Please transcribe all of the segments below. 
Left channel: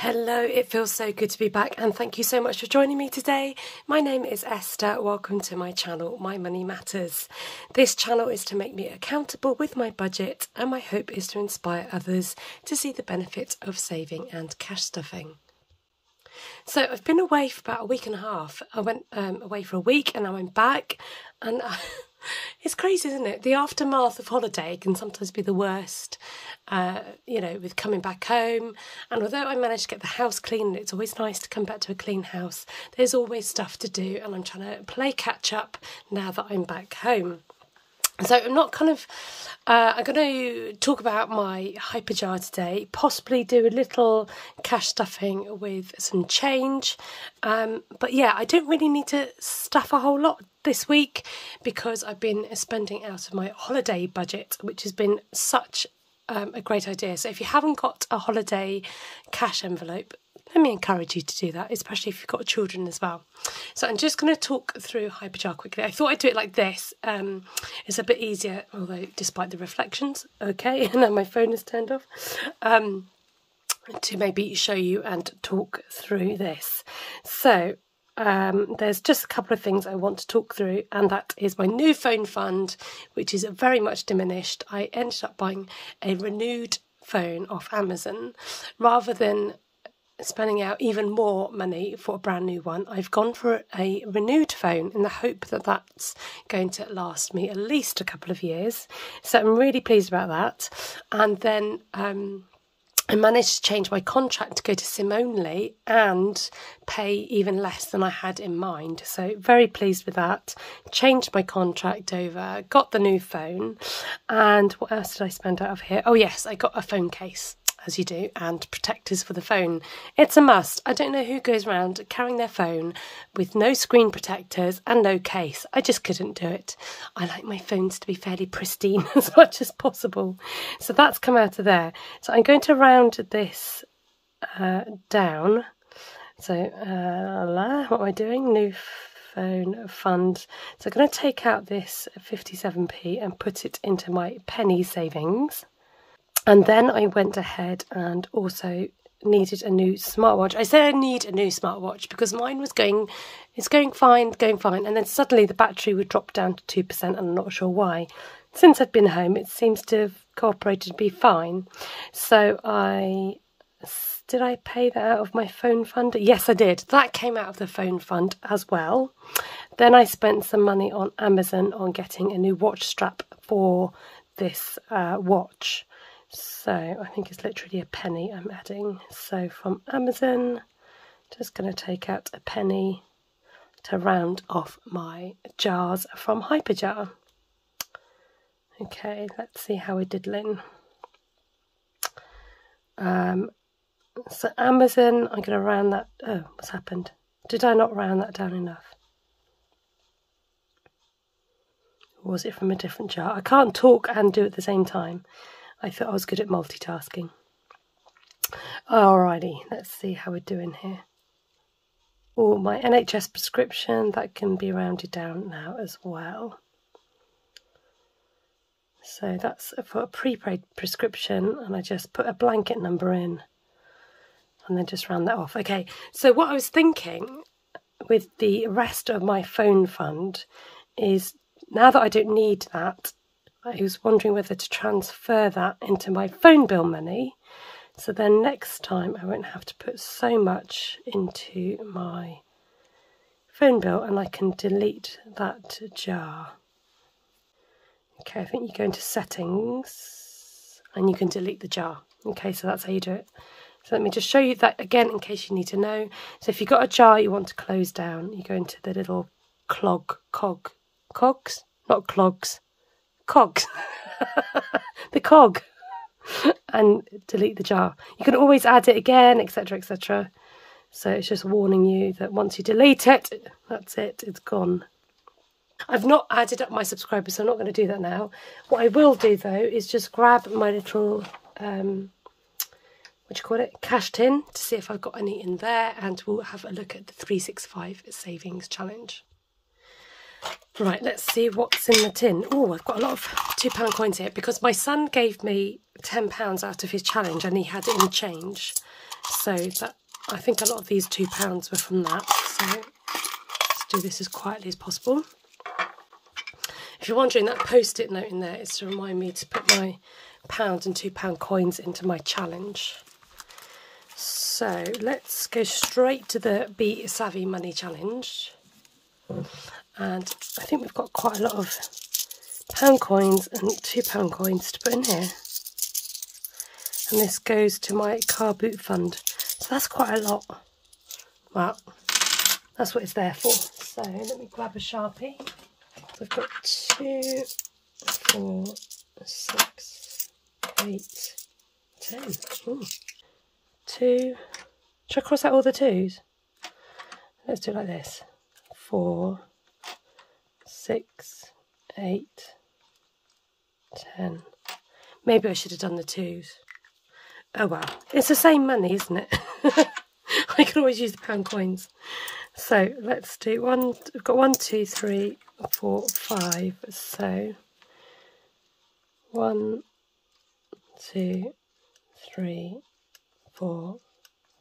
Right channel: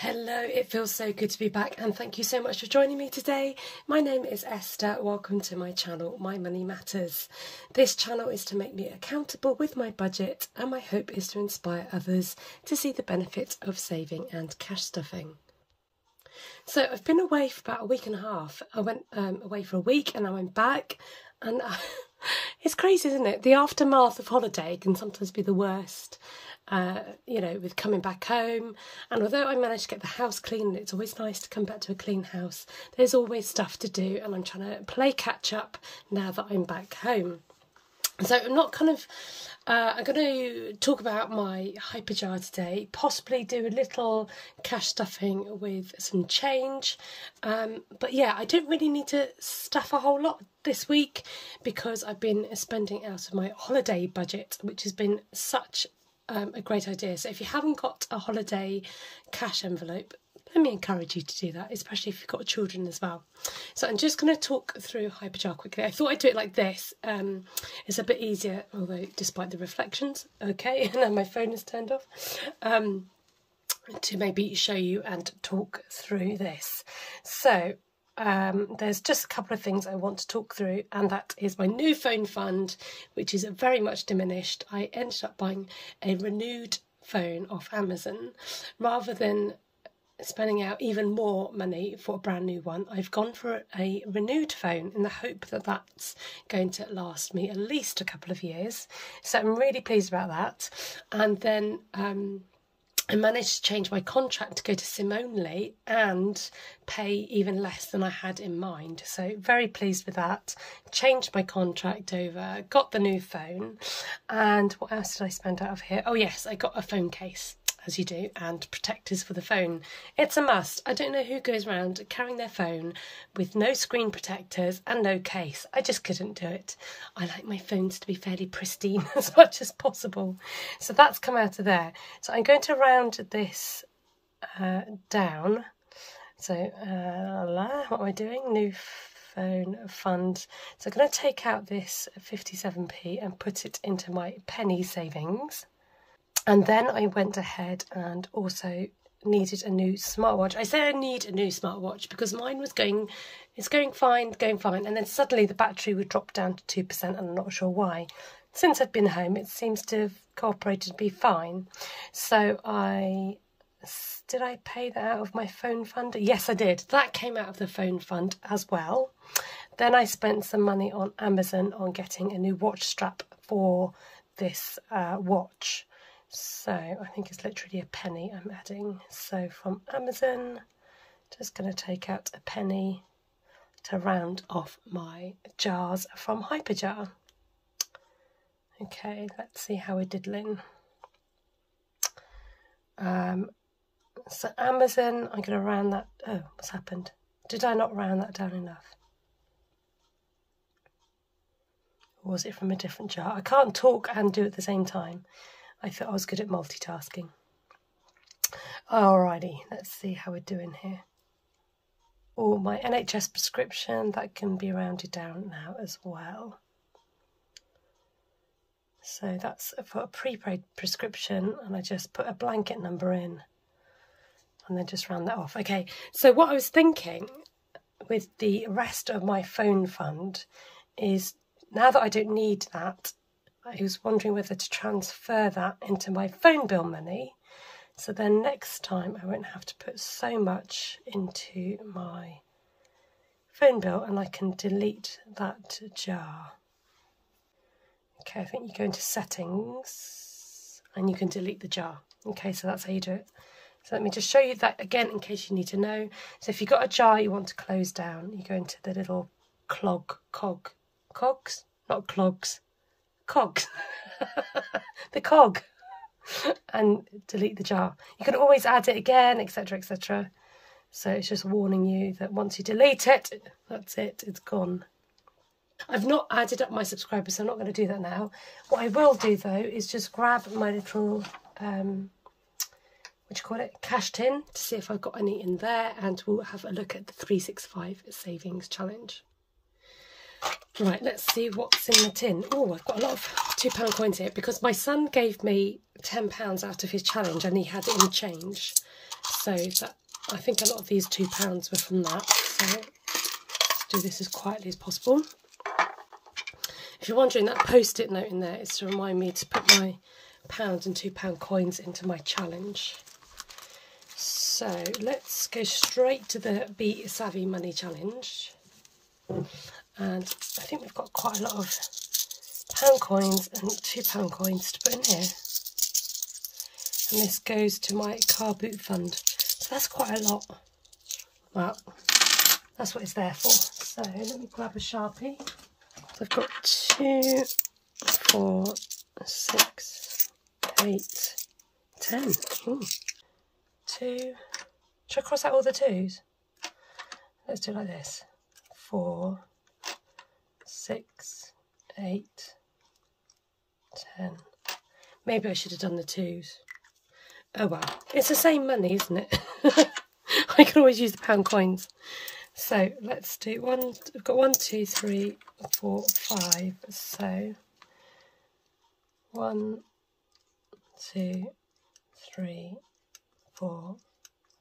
Hello, it feels so good to be back and thank you so much for joining me today. My name is Esther. Welcome to my channel, My Money Matters. This channel is to make me accountable with my budget and my hope is to inspire others to see the benefit of saving and cash stuffing. So I've been away for about a week and a half. I went away for a week and now I'm back and it's crazy, isn't it? The aftermath of holiday can sometimes be the worst, with coming back home. And although I managed to get the house clean, and it's always nice to come back to a clean house, there's always stuff to do and I'm trying to play catch up now that I'm back home. So I'm not I'm going to talk about my hyper jar today, possibly do a little cash stuffing with some change. But yeah, I don't really need to stuff a whole lot this week because I've been spending out of my holiday budget, which has been such a great idea. So if you haven't got a holiday cash envelope, let me encourage you to do that, especially if you've got children as well. So I'm just going to talk through Hyperjar quickly. I thought I'd do it like this. It's a bit easier, although despite the reflections, okay, and now my phone is turned off, to maybe show you and talk through this. So there's just a couple of things I want to talk through, and that is my new phone fund, which is very much diminished. I ended up buying a renewed phone off Amazon rather than spending out even more money for a brand new one. I've gone for a renewed phone in the hope that that's going to last me at least a couple of years. So I'm really pleased about that. And then I managed to change my contract to go to SIM only and pay even less than I had in mind. So very pleased with that. Changed my contract over, got the new phone. And what else did I spend out of here? Oh yes, I got a phone case, as you do, and protectors for the phone. It's a must. I don't know who goes around carrying their phone with no screen protectors and no case. I just couldn't do it. I like my phones to be fairly pristine as much as possible. So that's come out of there. So I'm going to round this down. So what am I doing? New phone fund. So I'm going to take out this 57p and put it into my penny savings. And then I went ahead and also needed a new smartwatch. I say I need a new smartwatch because mine was going fine. And then suddenly the battery would drop down to 2% and I'm not sure why. Since I've been home, it seems to have cooperated to be fine. So did I pay that out of my phone fund? Yes, I did. That came out of the phone fund as well. Then I spent some money on Amazon on getting a new watch strap for this watch. So I think it's literally a penny I'm adding. So from Amazon, just going to take out a penny to round off my jars from Hyperjar. Okay, let's see how we're diddling. So Amazon, I'm going to round that. Oh, what's happened? Did I not round that down enough? Or was it from a different jar? I can't talk and do it at the same time. I thought I was good at multitasking. Alrighty, let's see how we're doing here. Oh, my NHS prescription, that can be rounded down now as well. So that's for a prepaid prescription, and I just put a blanket number in and then just round that off. Okay, so what I was thinking with the rest of my phone fund is, now that I don't need that, I was wondering whether to transfer that into my phone bill money, so then next time I won't have to put so much into my phone bill and I can delete that jar. Okay, I think you go into settings and you can delete the jar. Okay, so that's how you do it. So let me just show you that again in case you need to know. So if you've got a jar you want to close down, you go into the little cogs, the cog, and delete the jar. You can always add it again, etc, etc. So it's just warning you that once you delete it, that's it, it's gone. I've not added up my subscribers, so I'm not going to do that now. What I will do though is just grab my little cash tin to see if I've got any in there, and we'll have a look at the 365 savings challenge. Right, let's see what's in the tin. Oh, I've got a lot of £2 coins here because my son gave me £10 out of his challenge and he had it in change. So that, I think a lot of these £2 were from that. So let's do this as quietly as possible. If you're wondering, that post-it note in there is to remind me to put my £1 and £2 coins into my challenge. So let's go straight to the Be Savvy Money Challenge. And I think we've got quite a lot of £1 coins and £2 coins to put in here. And this goes to my car boot fund. So that's quite a lot. Well, that's what it's there for. So let me grab a Sharpie. So I've got 2, 4, 6, 8, 10. Ooh. 2. Should I cross out all the 2s? Let's do it like this. 4, 6, 8, 10. Maybe I should have done the 2s. Oh well, it's the same money, isn't it? I can always use the £1 coins. So let's do one. We've got 1, 2, 3, 4, 5. So 1, 2, 3, 4,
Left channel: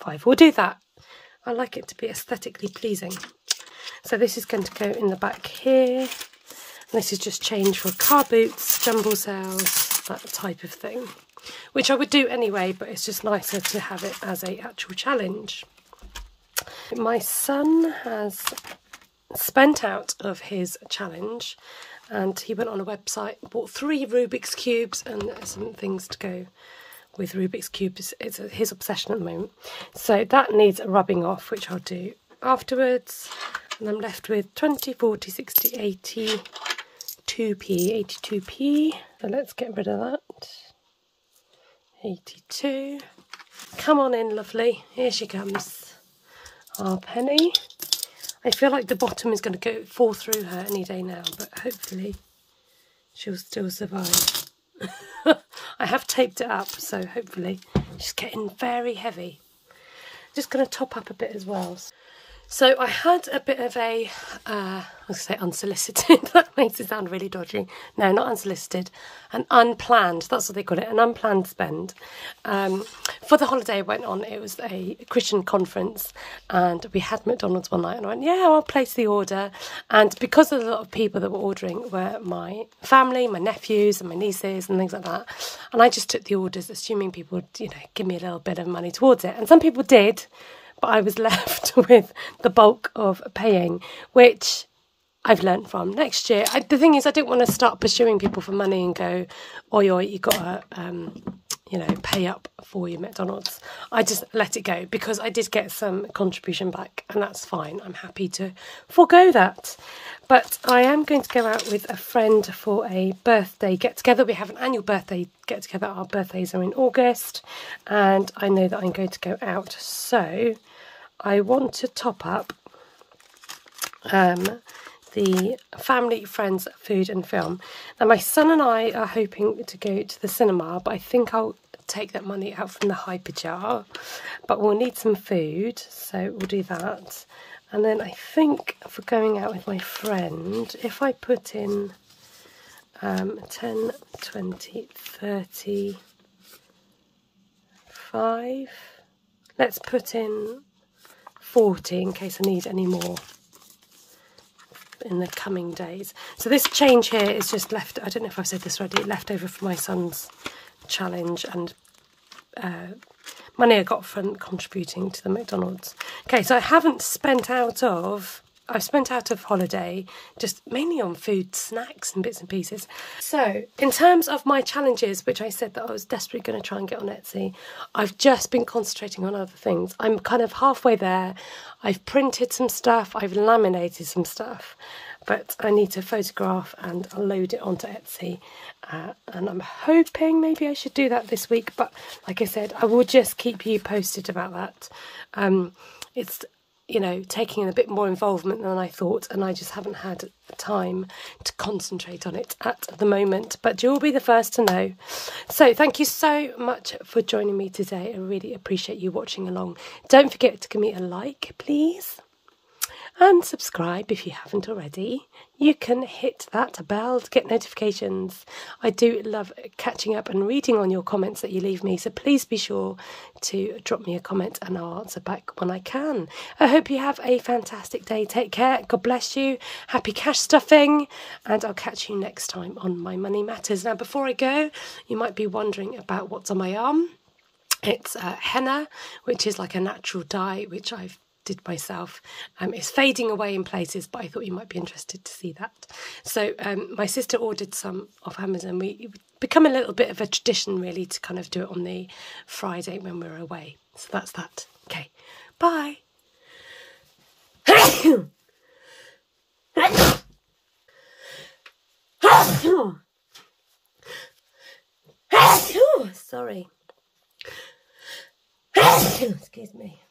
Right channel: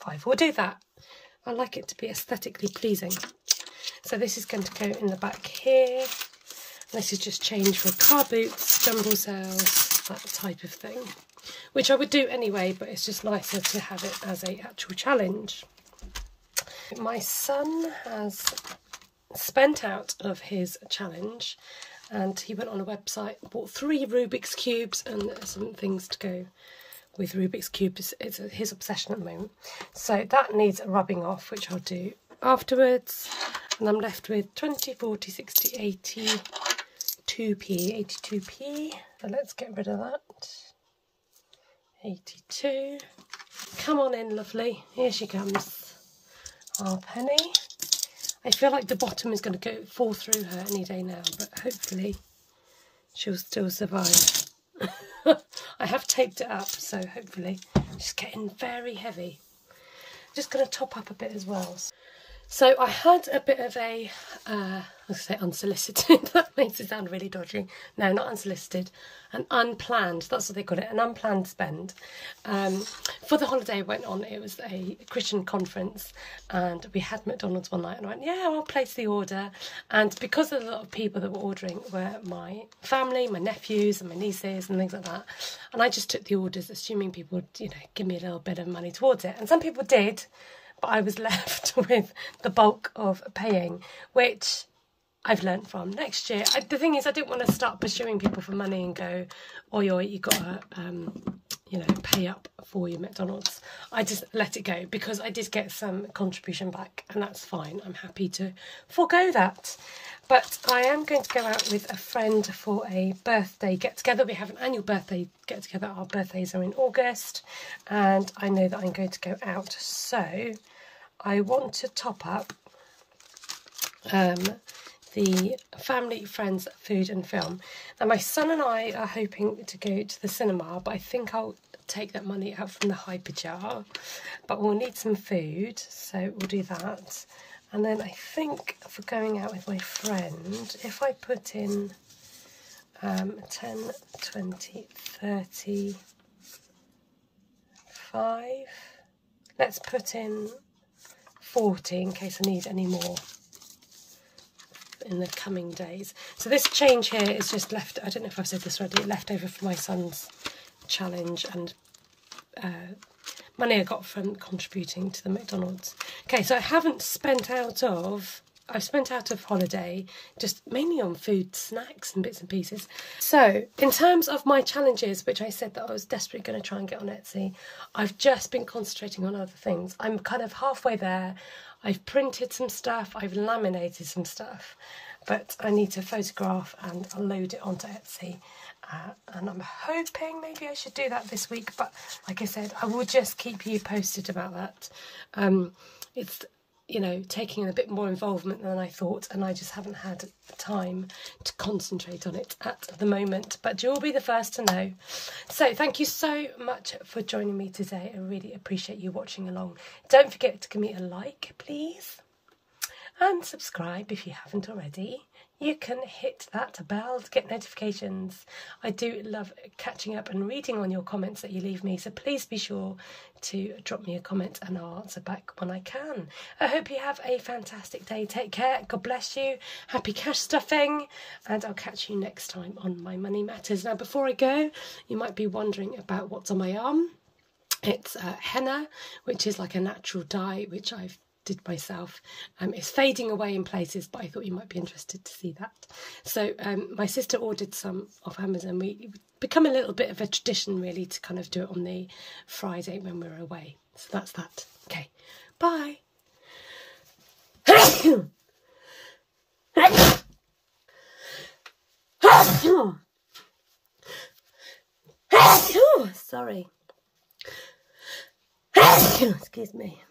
5. We'll do that. I like it to be aesthetically pleasing. So this is going to go in the back here. This is just change for car boots, jumble sales, that type of thing. Which I would do anyway, but it's just nicer to have it as an actual challenge. My son has spent out of his challenge and he went on a website, bought 3 Rubik's Cubes and some things to go with Rubik's Cubes. It's his obsession at the moment. So that needs rubbing off, which I'll do afterwards. And I'm left with 20, 40, 60, 80, 2p, 82p. So let's get rid of that. 82. Come on in, lovely. Here she comes. Our penny. I feel like the bottom is going to fall through her any day now, but hopefully she'll still survive. I have taped it up, so hopefully she's getting very heavy. Just going to top up a bit as well. So I had a bit of a, I was going to say unsolicited, that makes it sound really dodgy. No, not unsolicited, an unplanned, that's what they call it, an unplanned spend. For the holiday I went on, it was a Christian conference and we had McDonald's one night and I went, yeah, I'll place the order. And because there's a lot of people that were ordering were my family, my nephews and my nieces and things like that. And I just took the orders assuming people would, you know, give me a little bit of money towards it. And some people did. But I was left with the bulk of paying, which I've learnt from. Next year, the thing is, I didn't want to start pursuing people for money and go, oi, you got to, you know, pay up for your McDonald's. I just let it go because I did get some contribution back and that's fine. I'm happy to forego that. But I am going to go out with a friend for a birthday get-together. We have an annual birthday get-together. Our birthdays are in August and I know that I'm going to go out. So I want to top up the family, friends, food and film. Now my son and I are hoping to go to the cinema, but I think I'll take that money out from the Hyper jar. But we'll need some food, so we'll do that. And then I think for going out with my friend, if I put in 10, 20, 30, 5, let's put in 40 in case I need any more in the coming days. So this change here is just left, I don't know if I've said this already, left over from my son's challenge and money I got from contributing to the McDonald's. Okay, so I haven't spent out of, I've spent out of holiday, just mainly on food, snacks and bits and pieces. So in terms of my challenges, which I said that I was desperately going to try and get on Etsy, I've just been concentrating on other things. I'm kind of halfway there. I've printed some stuff, I've laminated some stuff, but I need to photograph and load it onto Etsy. And I'm hoping maybe I should do that this week, but like I said, I will just keep you posted about that. It's, you know, taking a bit more involvement than I thought, and I just haven't had time to concentrate on it at the moment, but you'll be the first to know. So thank you so much for joining me today. I really appreciate you watching along. Don't forget to give me a like, please. and subscribe if you haven't already. You can hit that bell to get notifications. I do love catching up and reading on your comments that you leave me, so please be sure to drop me a comment and I'll answer back when I can. I hope you have a fantastic day. Take care. God bless you. Happy cash stuffing, and I'll catch you next time on My Money Matters. Now, before I go, you might be wondering about what's on my arm. It's henna, which is like a natural dye, which I've did myself. It's fading away in places, but I thought you might be interested to see that. So my sister ordered some off Amazon. It's become a little bit of a tradition, really, to kind of do it on the Friday when we're away. So that's that. Okay, bye. Sorry. Excuse me.